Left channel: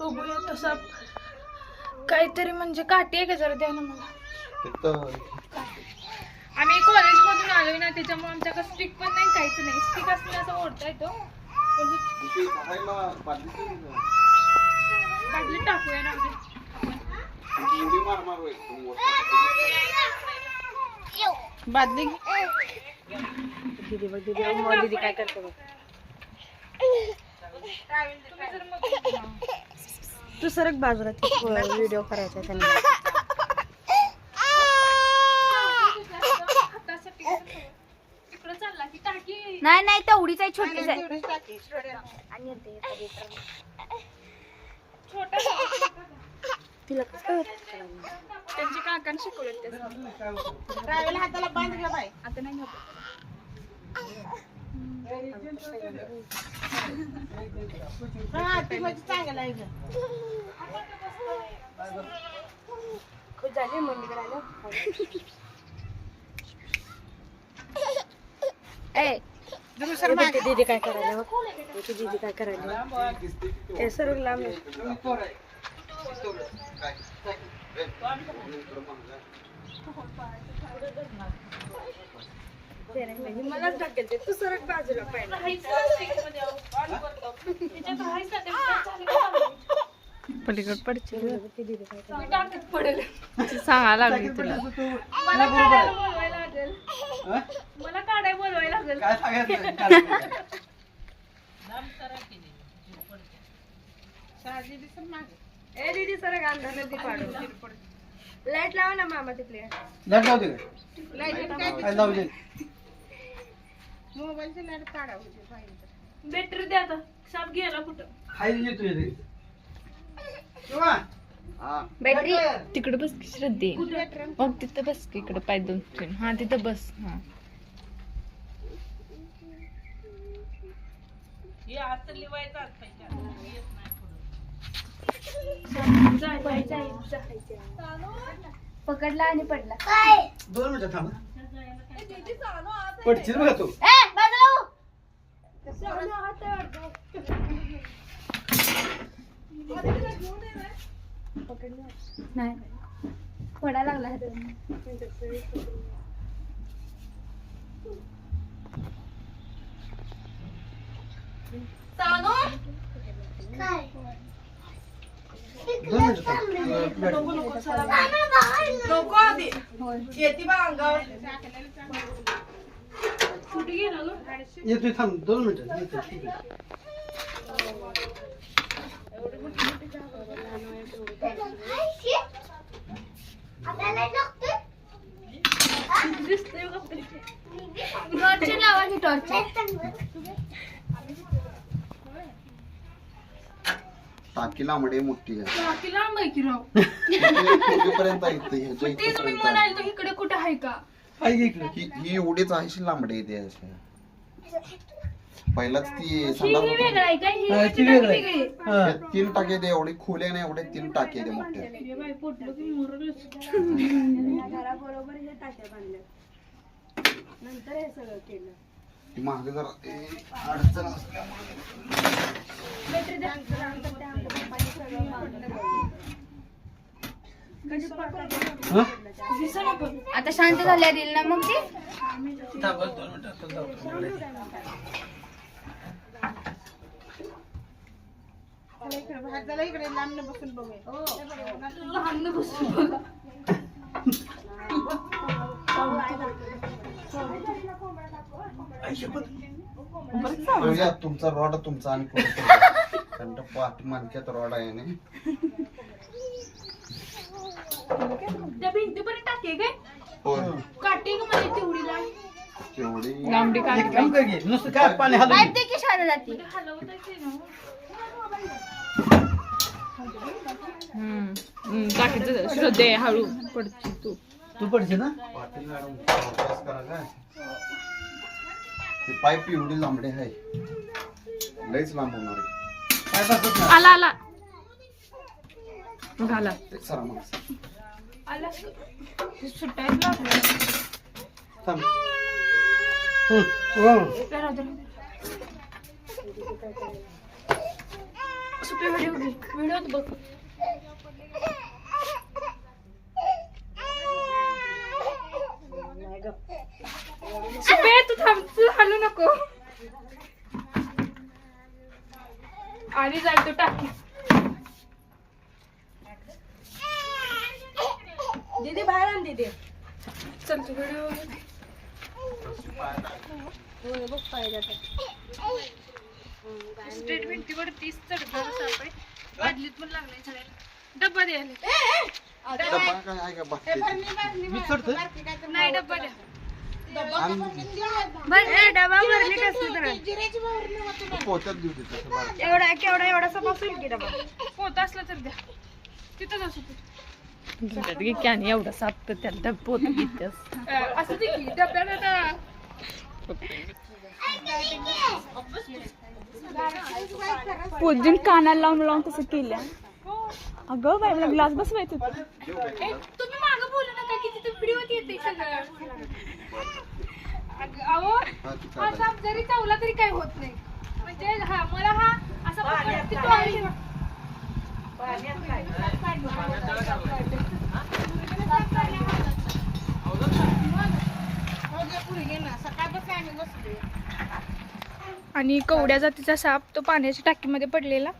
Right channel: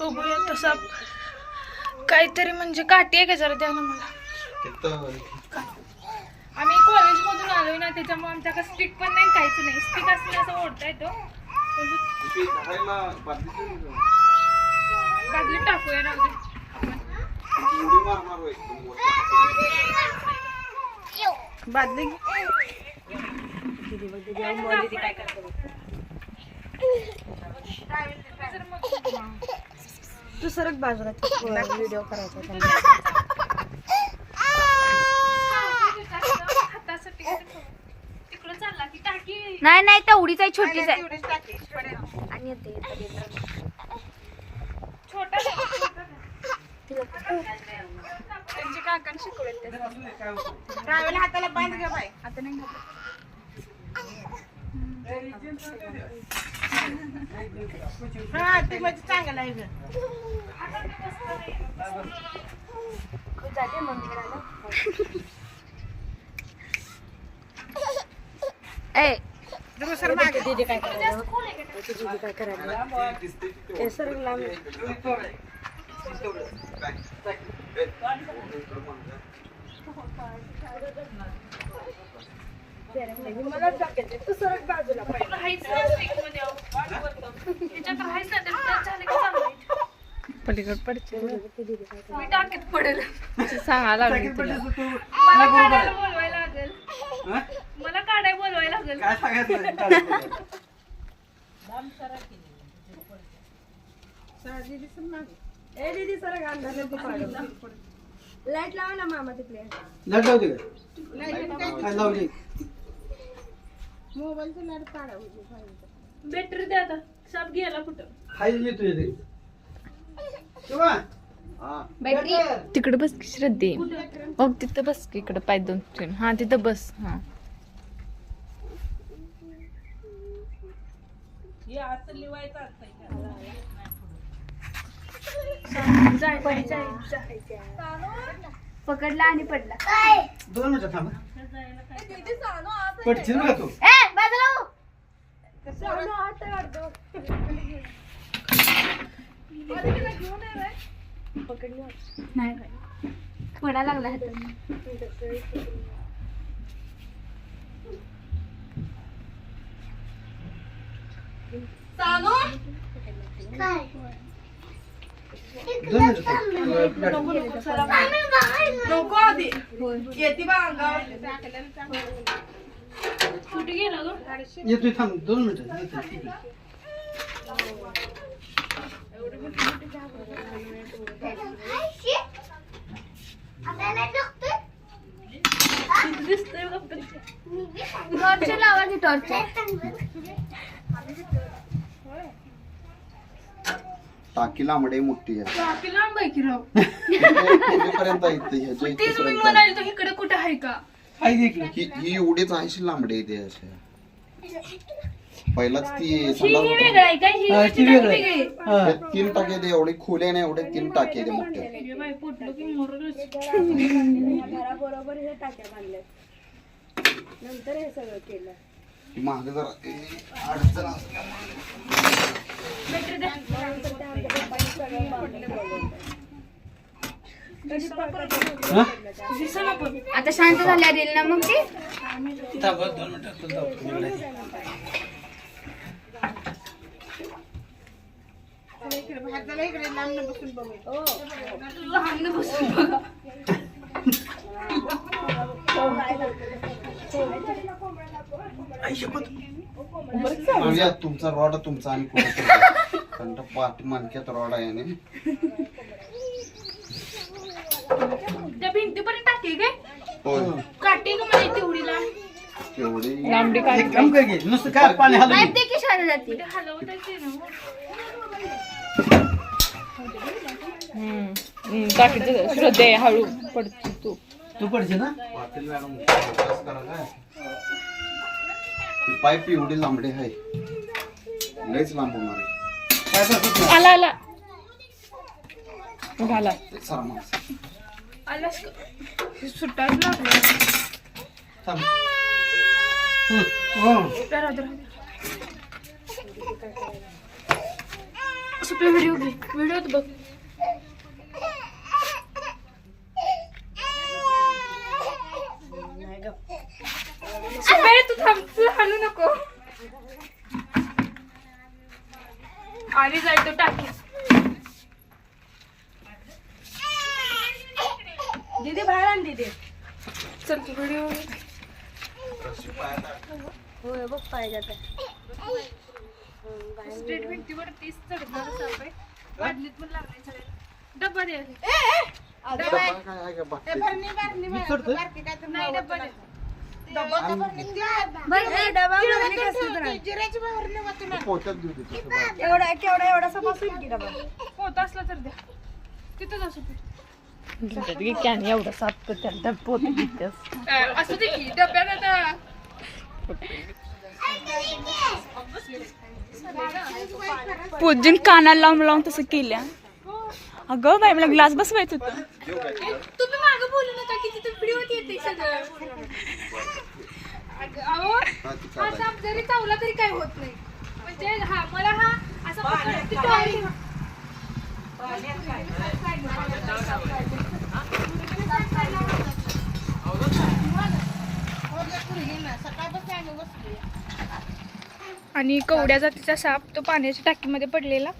बघूया तसा काहीतरी म्हणजे काठी आहे का जरा द्या ना मला. आम्ही कॉलेजमधून आलोय ना त्याच्यामुळे आमच्याकडे स्टिक पण नाही काहीच नाही. स्टिक असले असं ओढता येतो बादलीची बादलीत टाकूया ना उद्या आपण उडी मार मारू एकदम मोठ्या बादली. तू सरक बाजूला व्हिडिओ करायचा त्यांनी. हातासाठी तिकडं चालला की टाकी नाही नाही तेवढीच आहे छोटीच आहे आणि. छोटा तिला त्यांचे काकान शिकवले हाताला बांध घ्या बाय आता नाही होत. हा ती म्हणजे चांगलं आहे गं. ए ते दीदी काय करायला दीदी काय करायला ते सरक लांब तू सरक बाजूला चांगलं. पलीकड पडचे मी टाकीत पडेल सांगा लागली तुला मला काढायला बोलवायला लागेल. मला काढायला बोलवायला लागेल. काय सांगायचं? ए दीदी लाइट लावा ना मामा ते प्लेअर लाइट लावते काय लावली मोबाईलची काढा बाहेर. बॅटरी द्या आता. साप गेला कुठं? खायला येतो येते तेव्हा हा. बॅटरी तिकडे बस की श्रद्धे. मग तिथं बस की इकडे पाय दोन ठेवून. हा तिथं बस. हा. जाय जाय जाय पकडला आणि पडला. दोन मिनिटं थांब. पडशील बघा तू. ए बाजूला हो. नाही पडा लागला. दोन. नको आधी. येते बा अंगावर. कुठे गेला ग? येतोय थांब. दोन मिनिटं. येतोय. दिसतोय का टॉर्च लावा टॉर्च टाकी लांबडी मोठी आहे. टाकी लांब की राव? म्हणाले इकडे कुठे आहे का? ही ही एवढीच आहे लांबडी येते अशी. पहिलाच ती संडास ही वेगळं आहे का? ही याची ती टाकी वेगळं. आहे. वेगळी आहे. तीन टाके ते एवढे खुले नाही एवढे तीन टाके ते मोठे. बाई पोटलो की मोरलच. घराबरोबर हे टाक्या बांधल्या नंतर हे सगळं केलं. मागे जरा अडचण हा? आता शांत झाल्या येईल ना मग ते थांब, दोन मिनिटं आता जाऊ. इकडे लांब बसून बघूया लहान बसून बघा तुमचा रॉड तुमचा आणि पुढे कारण पाठ मनक्यात रॉड आहे ना त्या भिंतीपर्यंत टाकी काय होय. काठी का मला तेवढीला तेवढी. लांबडी काढ एक काम कर की, नुसतं काय पाणी हलवली ते की शाळा जाते? ते हलवतायचे ना हम्म. टाकीचं श्रद्धे हळू पडतो तू. तू पडशील ना? पाटील मॅडम अभ्यास करा काय? ही पाईप एवढी लांबडी आहे लयच लांब होणार आहे काय बसत नाही. आला आला घाला ते सरा माणसं. आलास सुटायला लागलं थांब. हं, हो. राहू दे, राहू दे. सुटले व्हिडिओ घे व्हिडिओत बघ सुपे तू थांब तू हलू नको आणि जाय तो टाकी दीदी बाहेर आण दीदी चल तू व्हिडिओ होय बघ पाहिजे स्ट्रेट भिंतीवर तीस चढणार साप बादलीत पण लागलाय चढायला डब्बा द्यायला नाही डब्बा द्या. एवढा केवढा एवढा की डबा पोत असला तर द्या. तिथंच असू दे घे की आणि एवढा साप कर त्याला घेतेस असू दे की डब्यात आता पूजून कानाला लावून लावून तसं केल्या. अगं बाई मला ग्लास बसवायचं होतं. तुम्ही मागं बोलू नका की तिथे व्हिडिओ येते सगळं. अगं, अहो हा, ती साप जरी चावला तरी काही होत नाही. म्हणजे हा मला हा असा तो आहे. हो घे पुढे घे ना सकाळपासून आम्ही आणि कवड्या जातीचा साप तो पाण्याच्या टाकीमध्ये पडलेला.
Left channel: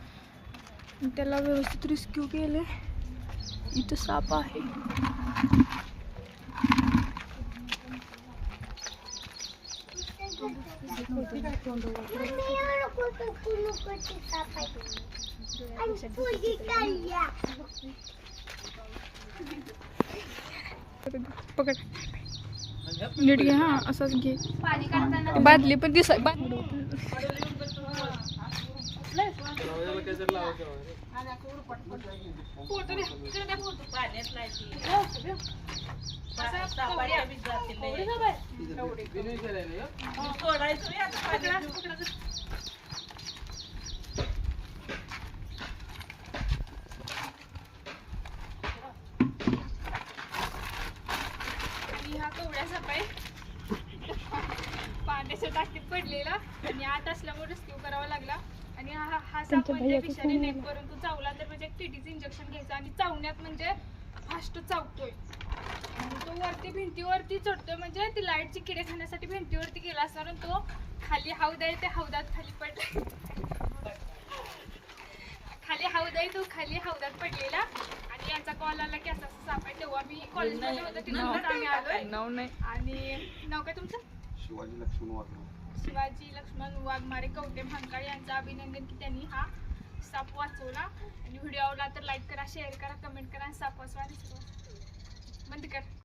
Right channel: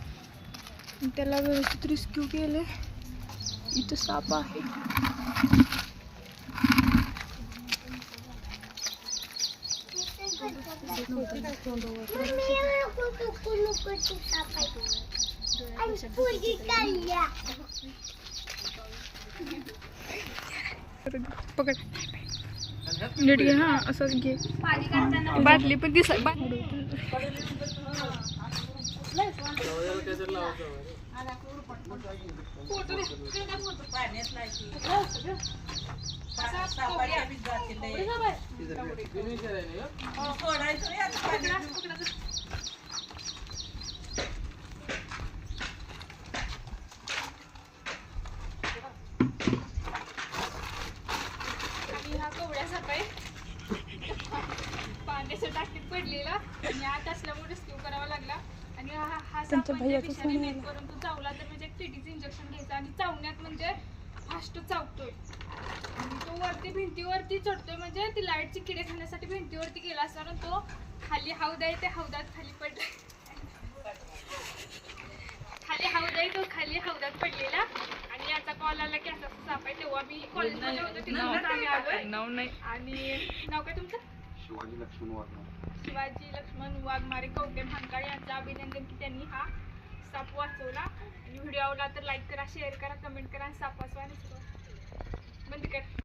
त्याला व्यवस्थित रेस्क्यू केले इथं साप आहे. पकड नीट घे हा असंच घे. बादली पण दिस फोटो द्या इकडे द्या फोटो हो, सगळं. असा कवड्या. कवडी का बाय? पकडा, पकडा. आणि हा कवड्या साप आहे पाण्याच्या टाकीत पडलेला आणि आत असल्यामुळे रेस्क्यू करावा लागला. आणि हा हा साप म्हणजे विषारी नाही. परंतु चावला तर म्हणजे टीटीचं इंजेक्शन घ्यायचं आणि चावण्यात म्हणजे फास्ट चावतोय. तो वरती भिंतीवरती चढतोय म्हणजे ती लाईटची किडे खाण्यासाठी भिंतीवरती गेला असणार आणि तो खाली हौद आहे ते हौदात खाली पडला. खाली हौद आहे तो खाली हौदात पडलेला. याचा कॉल आला की असा असा साप आहे तेव्हा मी कॉलेजमध्ये होतो तिथूनच आम्ही आलोय. नाव नाही आणि नाव काय तुमचं? शिवाजी लक्ष्मण वाघ शिवाजी लक्ष्मण वाघमारे कवटे भानकाळे यांचं अभिनंदन की त्यांनी हा साप वाचवला. आणि व्हिडिओ आवडला तर लाईक करा शेअर करा कमेंट करा आणि साप वाचवा आणि बंद कर.